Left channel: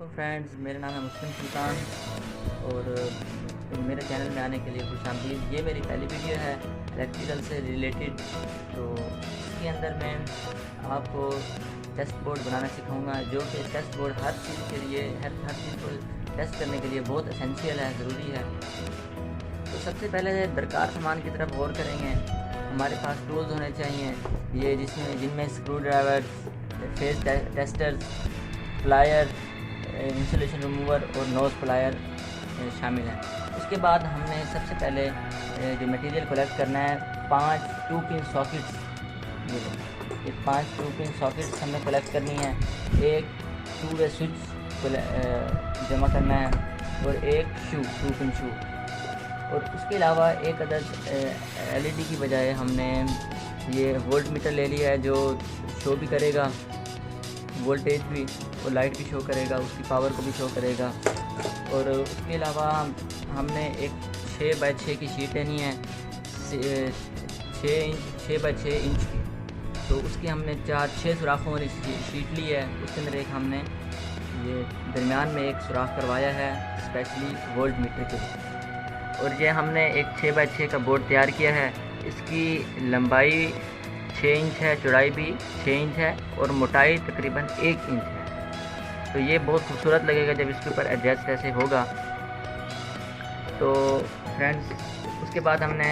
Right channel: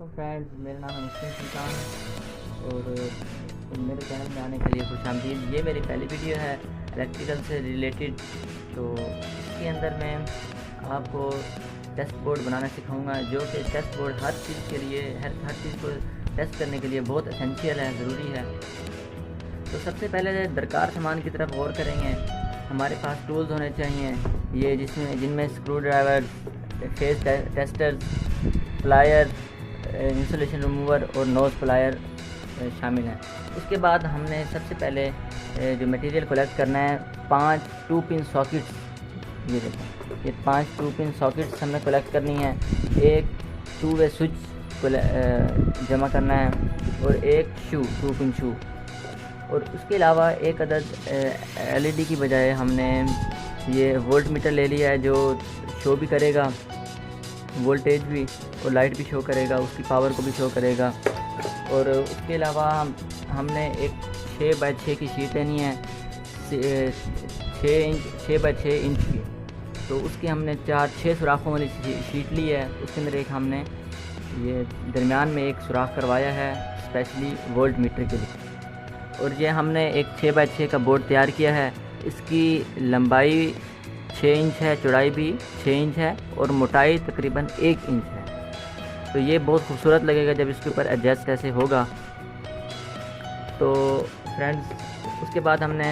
Friends, मेरा नाम है मुस्लिम सुल्तान और मेरे चैनल में आने के लिए खुशामदीद। ये मेरी पहली वीडियो है इलेक्ट्रिकल से रिलेटेड। तो इसके अंदर मैं आपको टेस्ट बोर्ड बनाना सिखाऊंगा, जो कि टेस्ट बोर्ड हर चीज़ के लिए हर चीज़ को टेस्ट करने के लिए बहुत एसेंशियल है, ज़रूरी है। तो सबसे पहले दरकार सामान की तरफ गौर करेंगे। हमारे पास टूल्स होने चाहिए ये जिनमें screw driver, phase tester, plier, insulation remover और नोज प्लायर शामिल हैं। उसके बाद हमने सबसे पहले जो मटेरियल कलेक्ट करना है 5 2-पिन सॉकेट्स, ये 5 2-पिन सॉकेट्स हमें कलेक्ट करनी है। एक 2-वे स्विच जमा करना है और एक 2-पिन शू। और उसके अलावा एक अदद LED की बजाय हमने ये वोल्ट मीटर ले लिया है, जो शो भी करेगा वोल्टेज भी और लाइट भी शो करेगा, उसकी पावर को भी शो करेगा। और उसके अलावा हमने एक 6x6 की शीट लेनी है, 6x6 इंच की। तो उसके हमने 6 सुराखों वाली शीट ली है। उसके अंदर एक हमने ये दरमियान में एक सुराख करवाया है स्पेशली वोल्ट मीटर के लिए। और ये हमने एक 6x6 का बोर्ड तैयार किया है। इसकी लंबाई 6 इंच है, चौड़ाई भी 6 इंच है और मोटाई तकरीबन 1 इंच है। तो ये बहुत खूबसूरत लगेगा जब इसके ऊपर एडजस्ट ऐसे होगा। तो फ्रेंड्स, उसके बाद हमने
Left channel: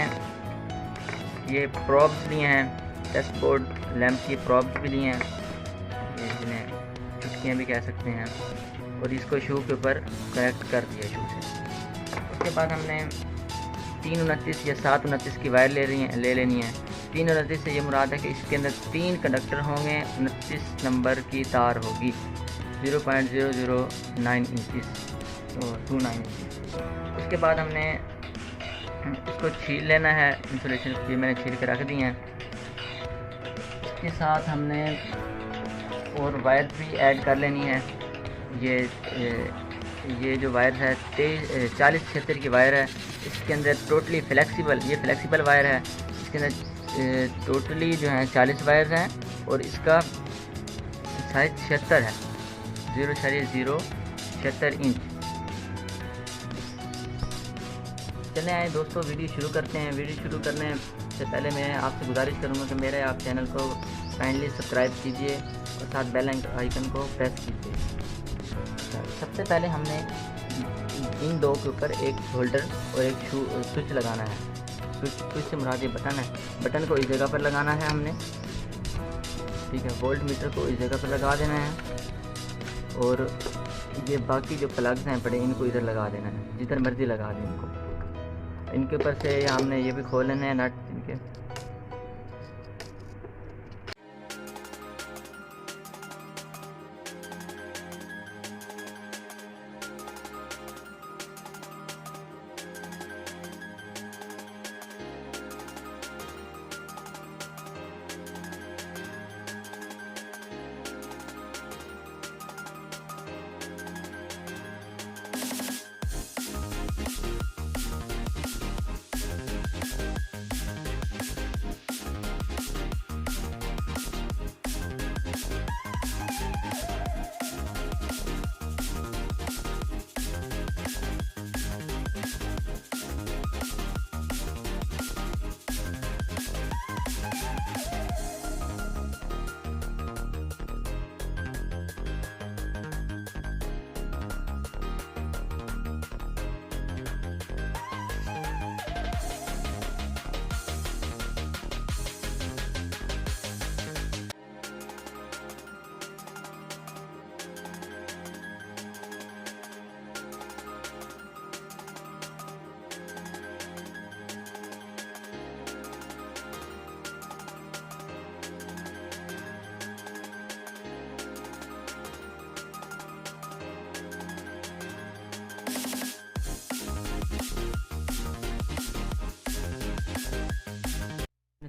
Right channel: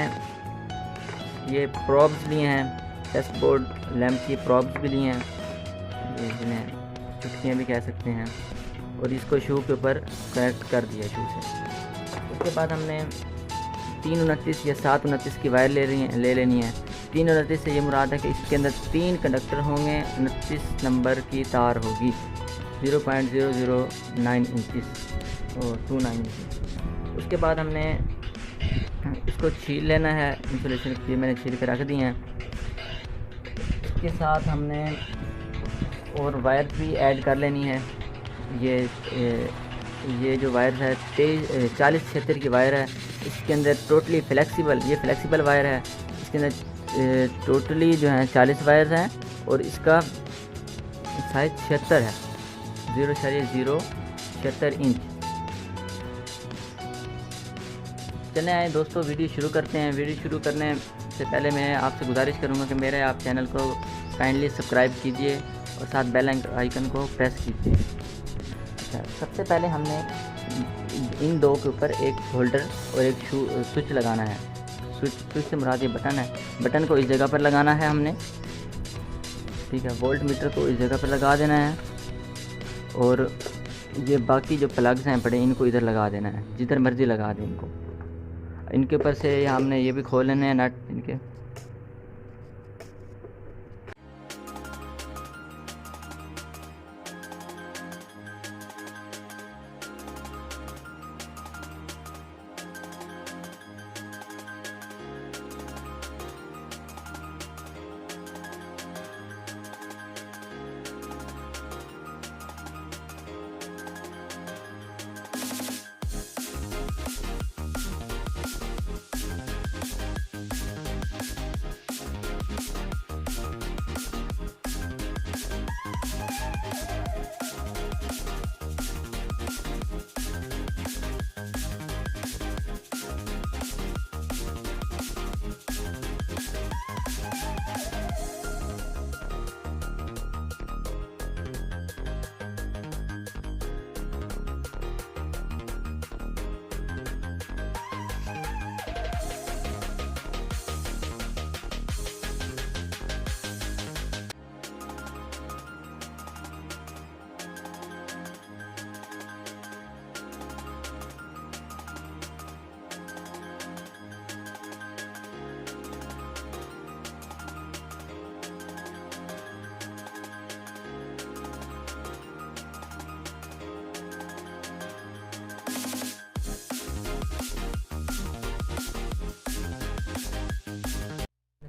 ये प्रॉब्स लिए हैं, टेस्ट बोर्ड लैंप की प्रॉब्स भी लिए हैं, ये जिन्हें चुटकियाँ भी कह सकते हैं, और इसको शू के ऊपर कनेक्ट कर दिया शू से। उसके बाद हमने 329 या 729 की वायर ले लेनी है। 329 से ये मुराद है कि इसके अंदर 3 कंडक्टर होंगे, 29 नंबर की तार होगी, 0.009 इंचज़ और 29 इंचज़। उसके बाद हमने इसको छील लेना है, इंसुलेशन की मैंने छील के रख दी हैं। इसके साथ हमने और वायर भी ऐड कर लेनी है। ये जो वायर है 40-76 की वायर है। इसके अंदर टोटली फ्लेक्सिबल वायर है। इसके अंदर टोटली जो है 40 वायर हैं और इसका साइज 76 है, 0.076 इंच। चले आए दोस्तों, वीडियो शुरू करते हैं। वीडियो शुरू करने से पहले मैं आपसे गुजारिश करूंगा कि मेरे आप चैनल को काइंडली सब्सक्राइब कीजिए और साथ बेल आइकन को प्रेस कीजिए। सबसे पहले हमने इन दो के ऊपर एक होल्डर और एक स्विच लगाना है। स्विच से मुराद ये बटन है, बटन को इस जगह पर लगाना है हमने, ठीक है। वोल्ट मीटर को इस जगह पर लगा देना है और ये बाकी जो प्लग्स हैं बड़े, इनको इधर लगा देना है, जिधर मर्जी लगा दें इनको। इनके ऊपर से हमने ये भी खोल लेने हैं नट इनके।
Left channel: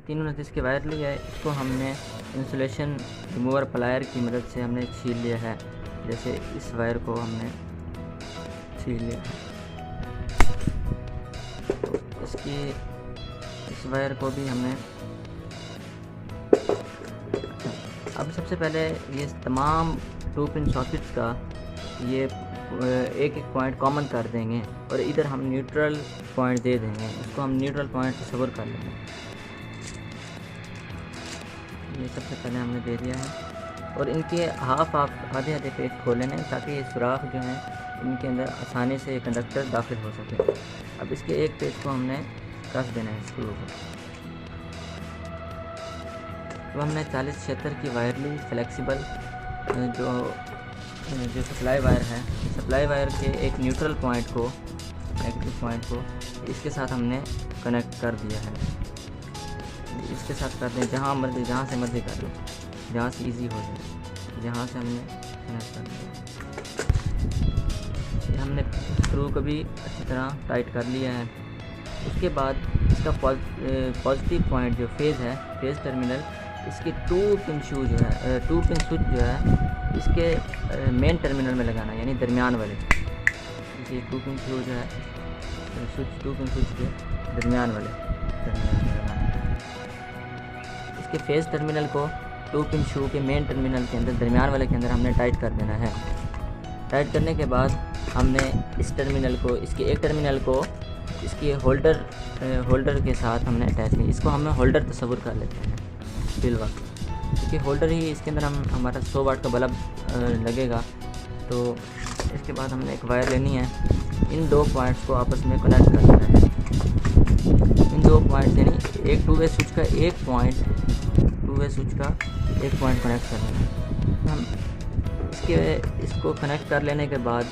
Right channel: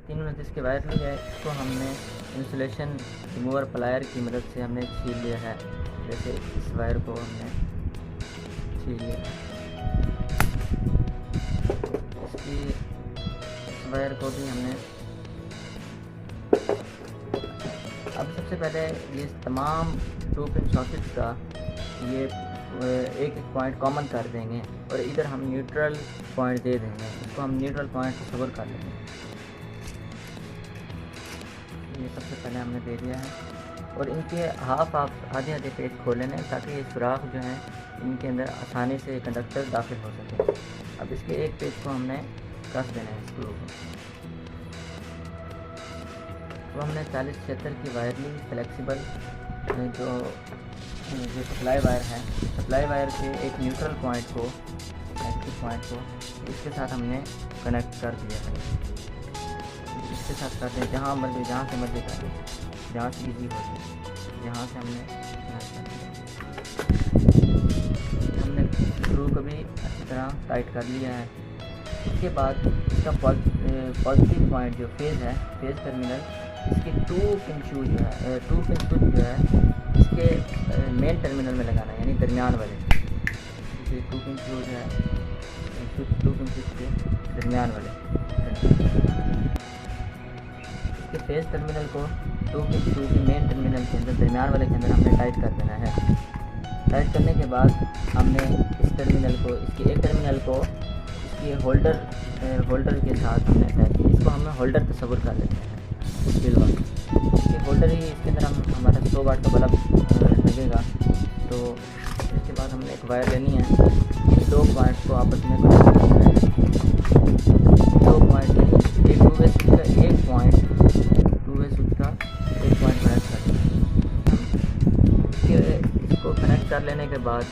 तीनों नतीज के वायर लिया है, इसको हमने इंसुलेशन रिमूवर प्लायर की मदद से हमने छील लिया है। जैसे इस वायर को हमने छील लिया, इस वायर को भी हमने। अब सबसे पहले ये तमाम 2 पिन सॉकेट्स का ये एक एक पॉइंट कॉमन कर देंगे और इधर हम न्यूट्रल पॉइंट दे देंगे। इसको हम न्यूट्रल पॉइंट तस्वर कर लेंगे। ये सबसे पहले हमने दे दिया है और इनके हाफ आप आधे आधे पेज खोल लेना ताकि ये सुराख जो है इनके अंदर आसानी से कंडक्टर दाखिल हो सके। अब इसके एक पेज को हमने कस देना है इसके ऊपर। तो हमने 4076 की वायर ली फ्लेक्सिबल, जो सप्लाई वायर है। सप्लाई वायर के एक न्यूट्रल पॉइंट को, एक्टिव पॉइंट को इसके साथ हमने कनेक्ट कर दिया है। इसके साथ करते हैं जहाँ मर्जी, जहाँ से मर्जी कर लो, जहाँ से इजी हो जाए, जहाँ से हमने कनेक्ट कर दिया। हमने स्क्रू को भी अच्छी तरह टाइट कर लिया है। इसके बाद इसका पॉजिटिव पॉइंट जो फेज़ है, फेज़ टर्मिनल, इसके 2 पिन शू जो है, 2 पिन स्विच जो है इसके मेन टर्मिनल में लगाना है, यानी दरमियान वाले। ये 2 पिन शू जो है स्विच, 2 पिन स्विच के दरमियान वाले। इसके फेज़ टर्मिनल को 2 पिन शू के मेन टर्मिनल के अंदर, दरमियान वाले के अंदर हमने टाइट कर देना है। टाइट करने के बाद हमने इस टर्मिनल को, इसके एक टर्मिनल को इसके होल्डर के साथ हमने अटैच किया। इसको हमें होल्डर तस्वर कर लेते हैं सिल्वर। इसके होल्डर ही, इसके अंदर हमारा 100 वाट का बल्ब लगेगा। तो इसके बाद हमने एक वायर लेनी है, इन 2 पॉइंट्स को आपस में कनेक्ट करना है। इन 2 पॉइंट्स यानी एक 2 वे स्विच का एक पॉइंट, 2 वे स्विच का एक पॉइंट कनेक्ट करना है। इसको कनेक्ट कर लेने के बाद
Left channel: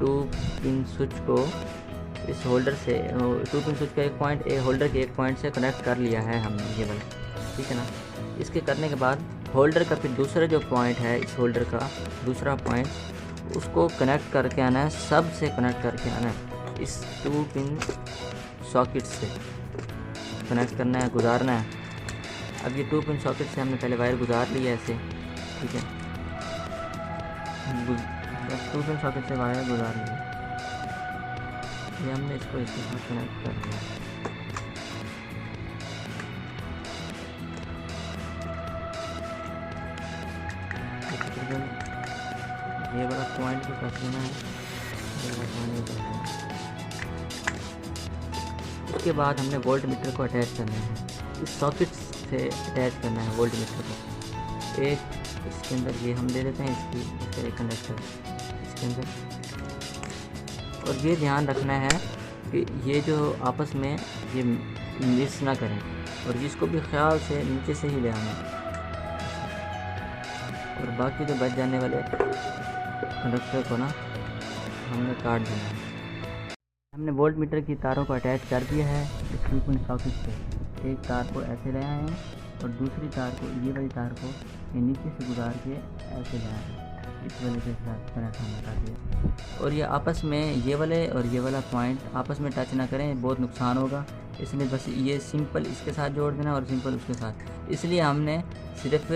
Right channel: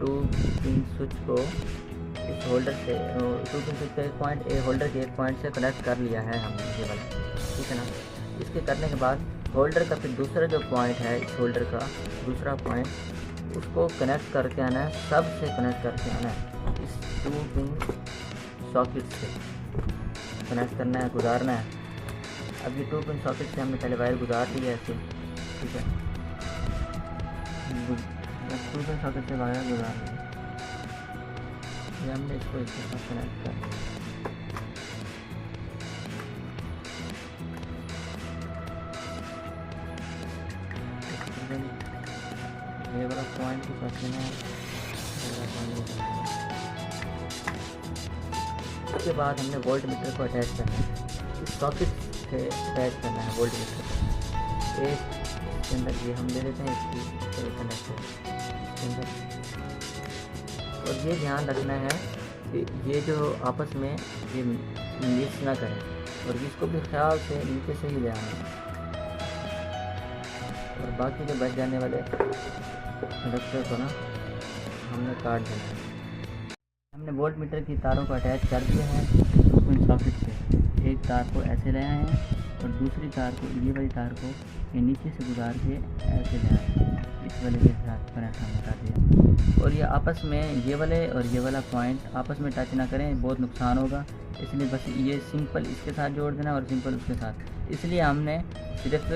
2 पिन स्विच को इस होल्डर से, 2 पिन स्विच का एक पॉइंट होल्डर के एक पॉइंट से कनेक्ट कर लिया है हमने, ये वाला, ठीक है ना। इसके करने के बाद होल्डर का फिर दूसरा जो पॉइंट है, इस होल्डर का दूसरा पॉइंट, उसको कनेक्ट करके आना है, सब से कनेक्ट करके आना है। इस 2 पिन सॉकेट से कनेक्ट करना है, गुजारना है। अब ये 2 पिन सॉकेट से हमने पहले वायर गुजार ली है ऐसे, ठीक है। 2 पिन सॉकेट से वायर गुजार ली है, ये हमने इसको इसके साथ कनेक्ट कर दिया। ये वाला पॉइंट को कर देना है। उसके बाद हमने वोल्ट मीटर को अटैच करना है, इस सॉकेट से अटैच करना है वोल्ट मीटर को। एक इसके अंदर ये हम ले लेते हैं, इसकी कंडक्टर इसके अंदर। और ये ध्यान रखना है कि ये जो आपस में ये मिक्स ना करें, और इसको भी ख्याल से नीचे से ही ले आना है। और बाकी जो बच जाने वाले कंडक्टर को ना हमने काट देना है। हमने वोल्ट मीटर की तारों को अटैच कर दिया है 2 पिन सॉकेट से। एक तार को ऐसे ले आए हैं और दूसरी तार को, ये वाली तार को ये नीचे से गुजार के ऐसे ले आए, इस वाले के साथ कनेक्ट हमने कर दिया। और ये आपस में, ये वाले और ये वाला पॉइंट आपस में टच ना करें, बहुत नुकसान होगा। इसलिए बस ये सिंपल इसके साथ जोड़ देना और सिंपल उसके साथ। इसलिए हमने सिर्फ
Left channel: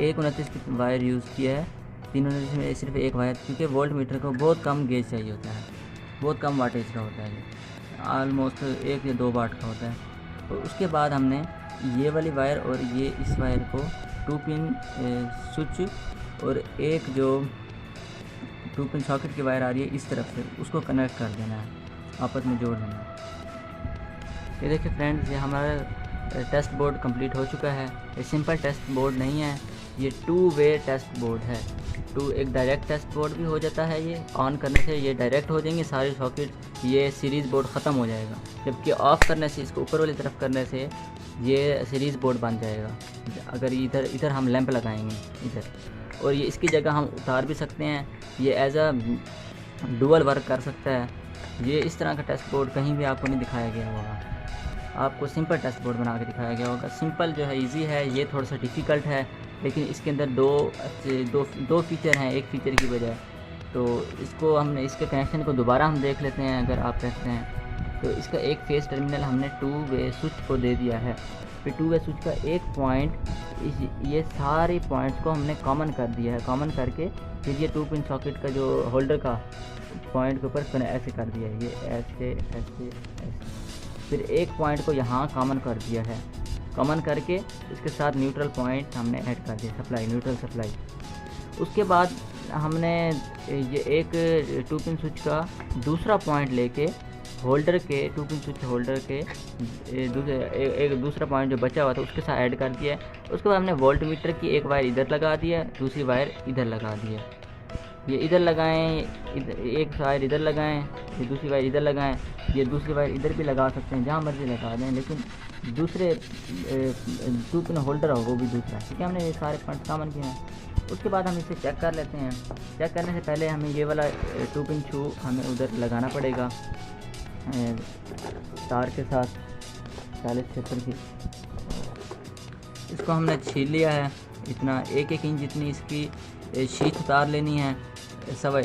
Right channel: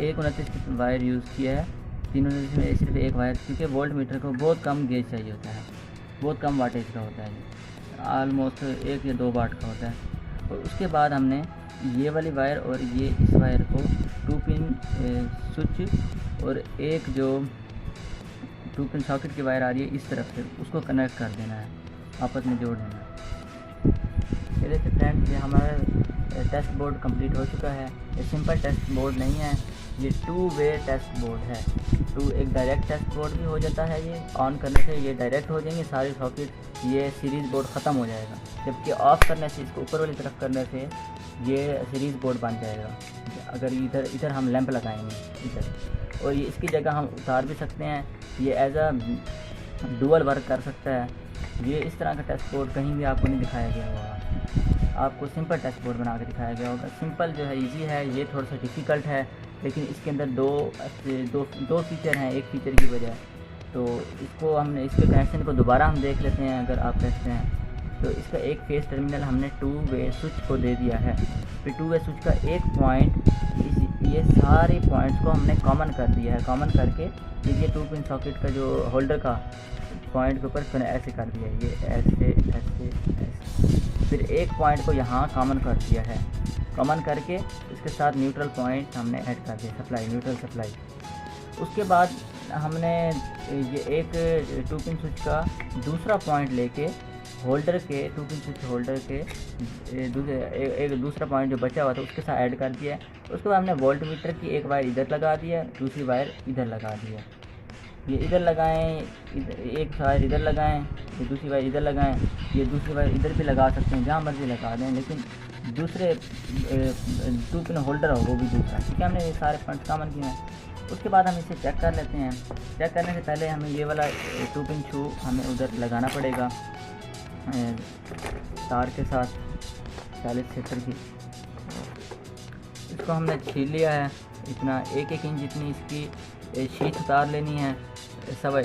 129 की वायर यूज़ किया है, 329 में सिर्फ एक वायर, क्योंकि वोल्ट मीटर को बहुत कम गेज चाहिए होता है, बहुत कम वाटेज का होता है, ऑलमोस्ट 1 या 2 वाट का होता है। और उसके बाद हमने ये वाली वायर और ये इस वायर को 2 पिन स्विच और एक जो 2 पिन सॉकेट की वायर आ रही है इस तरफ से, उसको कनेक्ट कर देना है, आपस में जोड़ देना है। ये देखिए फ्रेंड्स, ये हमारा टेस्ट बोर्ड कंप्लीट हो चुका है। ये सिंपल टेस्ट बोर्ड नहीं है, ये 2 वे टेस्ट बोर्ड है। एक डायरेक्ट टेस्ट बोर्ड भी हो जाता है, ये ऑन करने से ये डायरेक्ट हो जाएंगे सारे सॉकेट, ये सीरीज़ बोर्ड ख़त्म हो जाएगा। जबकि ऑफ़ करने से, इसको ऊपर वाली तरफ करने से ये सीरीज़ बोर्ड बन जाएगा। अगर इधर हम लैंप लगाएंगे इधर, और ये इसकी जगह हम उतार भी सकते हैं, ये एज अ डुअल वर्क कर सकता है। ये इस तरह का टेस्ट बोर्ड कहीं भी आपको नहीं दिखाया गया होगा, आपको सिंपल टेस्ट बोर्ड बना के दिखाया गया होगा। सिंपल जो है इजी है, ये थोड़ा सा डिफ़िकल्ट है, लेकिन इसके अंदर दो फीचर हैं, एक फीचर की वजह। तो इसको हमने, इसके कनेक्शन को दोबारा हम देख लेते हैं अगर आप देखते हैं तो। इसका एक फेस टर्मिनल हमने 2 वे स्विच को दे दिया है। फिर 2 वे स्विच का एक पॉइंट, ये सारे पॉइंट्स को हमने कॉमन कर दिया है। कॉमन करके ये 2 पिन सॉकेट का जो होल्डर का पॉइंट के ऊपर ऐसे कर दिया है, ये ऐसे। फिर एक पॉइंट को यहाँ कॉमन कर दिया है। कॉमन करके इसके साथ न्यूट्रल पॉइंट हमने ऐड कर दिया, सप्लाई, न्यूट्रल सप्लाई। उसके बाद हमने ये एक 2 पिन स्विच का दूसरा पॉइंट लेके होल्डर के 2 पिन स्विच होल्डर के एक दूसरा पॉइंट जो बचा हुआ था उसके साथ ऐड कर दिया है। उसके बाद हमने वोल्ट मीटर की एक वायर इधर लगा दी है, दूसरी वायर इधर लगा दी है। ये इधर लगाएं, एक वायर इधर लगाएं, ये दूसरी वायर इधर लगाएं, ये दूसरी वायर इधर भी लगा सकते हैं, जहाँ मर्जी लगा दें, लेकिन दूसरे 2 पिन होल्डर हो वो भी दूसरा। ठीक है, हमने ये सारे पॉइंट कॉमन किए हैं। उसके बाद हम इसे चेक कर लेते हैं। चेक करने से पहले हमें ये वाला 2 पिन शू हमें उधर लगाना पड़ेगा तार के साथ 40 सेक्टर की। इसको हमने छील लिया है, इतना 1 इंच जितनी इसकी शीट उतार लेनी है, सवा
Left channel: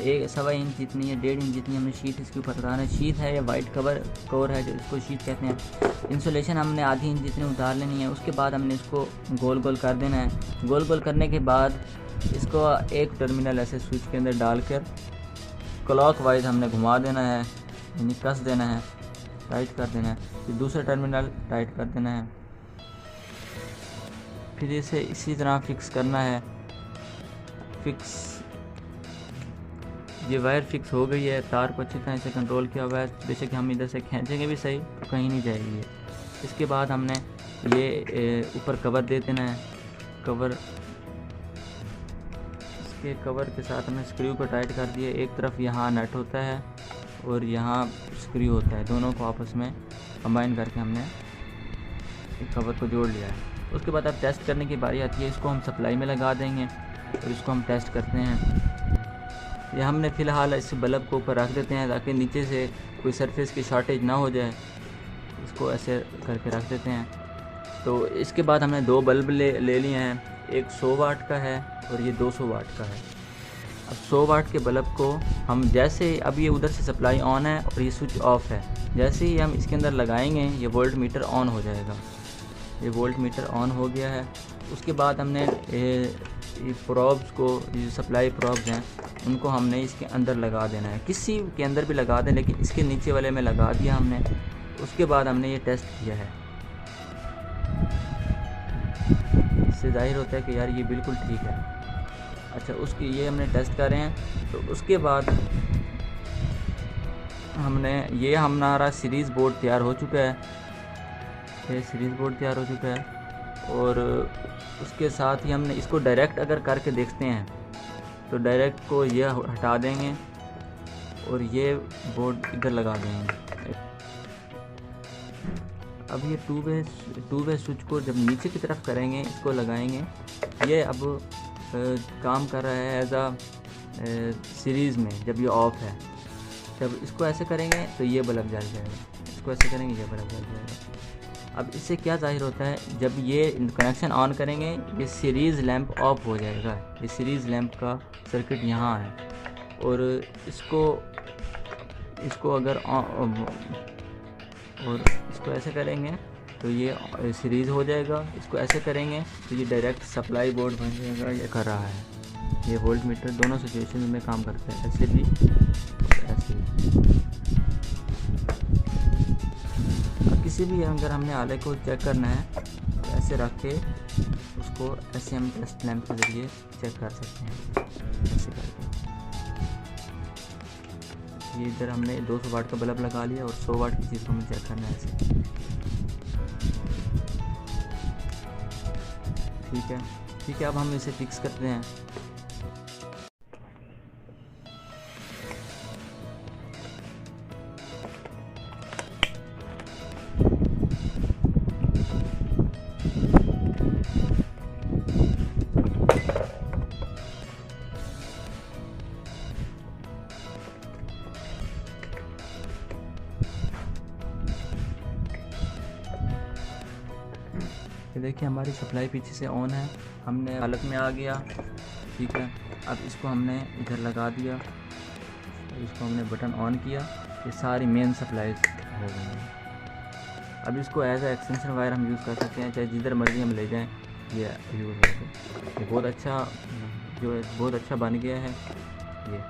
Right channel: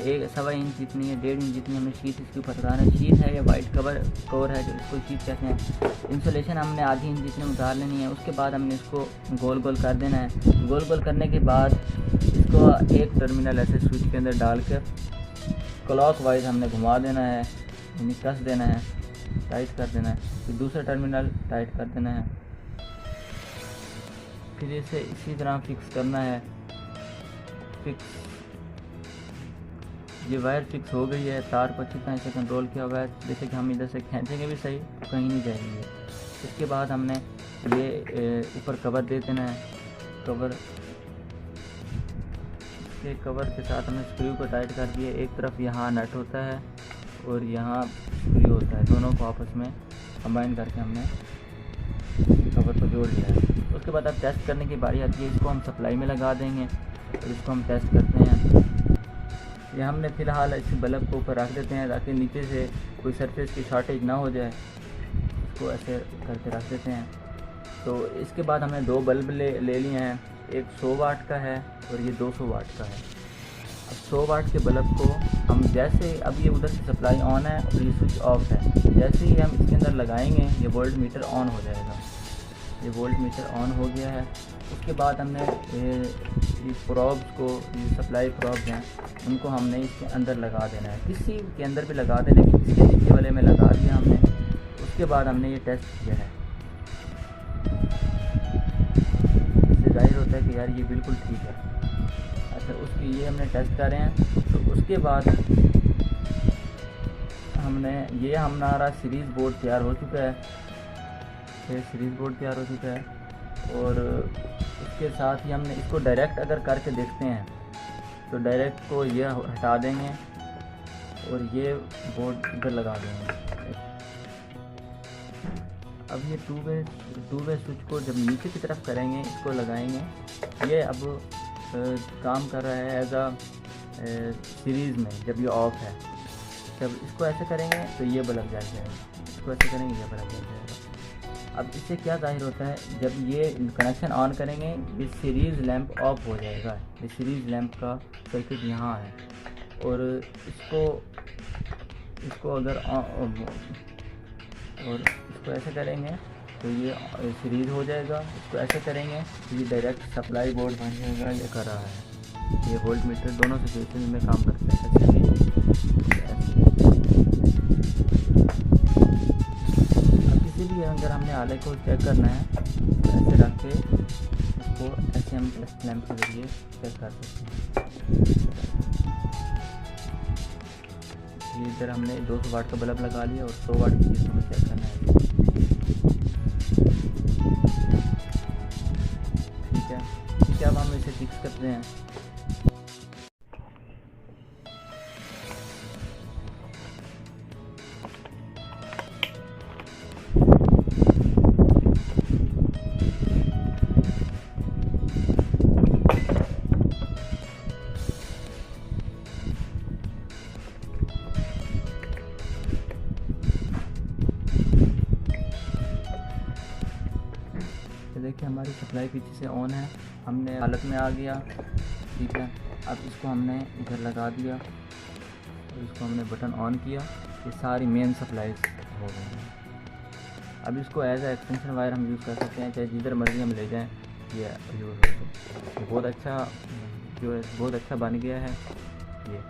इंच जितनी है, 1.5 इंच जितनी हमें शीट इसके ऊपर उतारना है। शीट है या वाइट कवर है जो इसको शीट कहते हैं। इंसुलेशन हमने आधी इंच जितनी उतार लेनी है। उसके बाद हमने इसको गोल गोल कर देना है। गोल गोल करने के बाद इसको एक टर्मिनल ऐसे स्विच के अंदर डालकर क्लॉकवाइज हमने घुमा देना है, यानी कस देना है, टाइट कर देना है। फिर दूसरा टर्मिनल टाइट कर देना है। फिर इसे इसी तरह फिक्स करना है। फिक्स, ये वायर फिक्स हो गई है। तार को अच्छी तरह से कंट्रोल किया हुआ है, बेशक हम इधर से खींचेंगे भी सही तो कहीं नहीं जाएगी ये। इसके बाद हमने ये ऊपर कवर दे देना है। कवर, इसके कवर के साथ हमने स्क्रू को टाइट कर दिया। एक तरफ यहाँ नट होता है और यहाँ स्क्रू होता है, दोनों को आपस में कंबाइन करके हमने कवर को जोड़ लिया है। उसके बाद अब टेस्ट करने की बारी आती है। इसको हम सप्लाई में लगा देंगे और इसको हम टेस्ट करते हैं। ये हमने फ़िलहाल इस बल्ब को ऊपर रख देते हैं ताकि नीचे से कोई सरफेस की शॉर्टेज ना हो जाए। इसको ऐसे करके रख देते हैं। तो इसके बाद हमने 2 बल्ब ले लिए हैं, एक 100 वाट का है और ये 200 वाट का है। अब 100 वाट के बल्ब को हम जैसे, अब ये उधर से सप्लाई ऑन है और ये स्विच ऑफ है, जैसे ही हम इसके अंदर लगाएंगे ये वोल्ट मीटर ऑन हो जाएगा। ये वोल्ट मीटर ऑन हो गया है। उसके बाद हमने ये प्रॉब्स को, ये सप्लाई प्रॉब्स हैं, उनको हमने इसके अंदर लगा देना है। किसी के अंदर भी लगा दें, लेकिन इसके नीचे वाले में लगा दिया हमने। उसके बाद हमने ये टेस्ट किया है। इससे जाहिर होता है कि यार ये बिल्कुल ठीक है। अच्छा, उसकी ये हमने टेस्ट कर रहे हैं। तो उसके बाद हमने ये हमारा सीरीज़ बोर्ड तैयार हो चुका है। ये सीरीज़ बोर्ड तैयार हो चुका है और उसके साथ ही हमने इसको डायरेक्ट अगर करके देखते हैं तो डायरेक्ट को ये हटा देंगे और ये बोर्ड इधर लगा देंगे। अब ये टू वे स्विच को जब नीचे की तरफ करेंगे, इसको लगाएंगे, ये अब काम कर रहा है एज अ सीरीज़ में। जब ये ऑफ है तब इसको ऐसे करेंगे तो ये बल्ब जल जाएगा, इसको ऐसे करेंगे ये बल्ब जल जाएगा। अब इससे क्या जाहिर होता है, जब ये कनेक्शन ऑन करेंगे ये सीरीज़ लैंप ऑफ हो जाएगा। ये सीरीज़ लैंप का सर्किट यहाँ है और इसको अगर और इसको ऐसे करेंगे तो ये सीरीज़ हो जाएगा। इसको ऐसे करेंगे तो ये डायरेक्ट सप्लाई बोर्ड बन जाएगा। ये कर रहा है, ये वोल्ट मीटर दोनों सिचुएशन में काम करता है, ऐसे भी ऐसे। किसी भी अगर हमने आले को चेक करना है तो ऐसे रख के उसको ऐसे हम टेस्ट लैंप के ज़रिए चेक कर सकते हैं। ये इधर हमने 200 वाट का बल्ब लगा लिया और 100 वाट की चीज़ हमें चेक करना है। ठीक है, अब हम इसे फिक्स करते हैं। देखिए हमारी सप्लाई पीछे से ऑन है, हमने हालत में आ गया। ठीक है, अब इसको हमने इधर लगा दिया, इसको हमने बटन ऑन किया, ये सारी मेन सप्लाई हो गई है। अब इसको एज अ एक्सटेंशन वायर हम यूज़ कर सकते हैं, चाहे जिधर मर्जी हम ले जाएं, ये यूज़ होगा। ये बहुत अच्छा, जो है बहुत अच्छा बन गया है ये।